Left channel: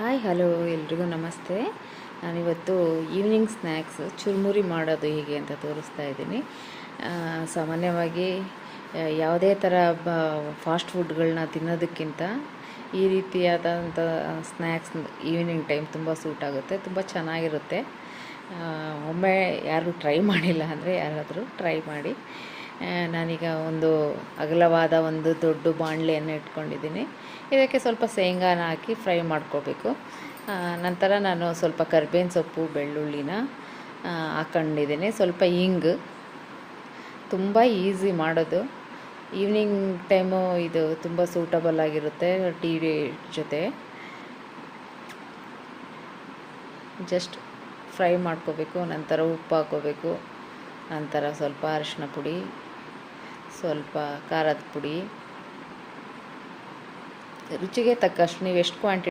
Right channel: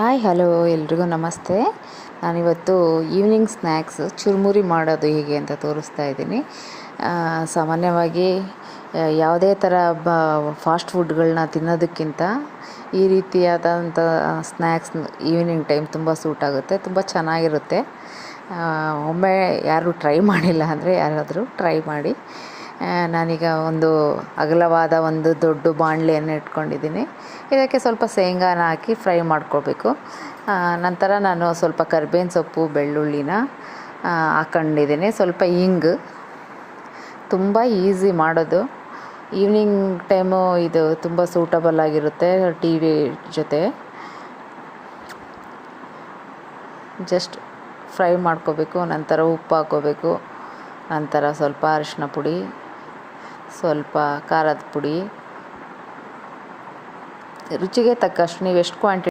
Hi hello ಎಲ್ರಿಗೂ ನಮಸ್ತೆ. ನಾನಿವತ್ತು ಈವ್ನಿಂಗ್ ಸ್ನ್ಯಾಕ್ಸ್ ಚುರುಮುರಿ ಮಾಡೋದು ಹೇಗೆ ಅಂತ ತೋರಿಸ್ತಾ ಇದ್ದೀನಿ. ಸಾಮಾನ್ಯವಾಗಿ ಯಾವುದೇ ಥರ ಫಾಸ್ಟ್ ಫುಡ್ಗಳನ್ನ ತಿನ್ನೋದಕ್ಕಿಂತ ಈ ರೀತಿಯಾದಂಥ ಸ್ನ್ಯಾಕ್ಸ್ ಈವ್ನಿಂಗ್ ಟೈಮ್ ತುಂಬ ಸೂಟ್ ಆಗುತ್ತೆ, ತುಂಬ ಚೆನ್ನಾಗಿರುತ್ತೆ. ಒಮ್ಮೆ ಯಾರು ಟ್ರೈ ಮಾಡಿಲ್ಲ ಅಂದರೆ ಯಾರಾದರೂ ಟ್ರೈ ಮಾಡಿ. ನಾನೀಗ ಒಂದು ಅಗಲವಾದ ಒಂದು ದೊಡ್ಡ ಬಾಣಲೆಯನ್ನು ಇಟ್ಕೊಂಡಿದ್ದೀನಿ. ಇದಕ್ಕೆ ಸ್ವಲ್ಪ ಶೇಂಗಾನ ಹಾಕಿ ಫ್ರೈ ಮಾಡ್ಕೋಬೇಕು. ನಂತರ ನಾನು ಸ್ವಲ್ಪ ಕರಿಬೇವಿನ ಸೊಪ್ಪು, ಬೆಳ್ಳುಳ್ಳಿನ ಹಾಕ್ಕೊಂಡಿದ್ದೀನಿ, ಸ್ವಲ್ಪ ಹಿಂಗು. ತುಂಬ ಈಸಿ ಮಾಡೋದು. ಈವ್ನಿಂಗ್ ಟೈಮು ಇದು ತುಂಬ ಸೂಟಬಲ್ ಆಗಿರುತ್ತೆ ಟೀ ಜೊತೆ. ಜಸ್ಟ್ ಫ್ರೈ ಮಾಡ್ಕೋಬೇಕು. ನಂತರ ಉಪ್ಪು ಹಾಕ್ಕೋಬೇಕು. ನಂತರ ಸ್ವಲ್ಪ ಅರಿಶಿನ ಪುಡಿ, ಸ್ವಲ್ಪ ಖಾರದ ಪುಡಿ, ರುಚಿಗೆ ತಕ್ಕಷ್ಟು ನೀವು ಎಷ್ಟು ಕ್ವಾಂಟಿಟಿ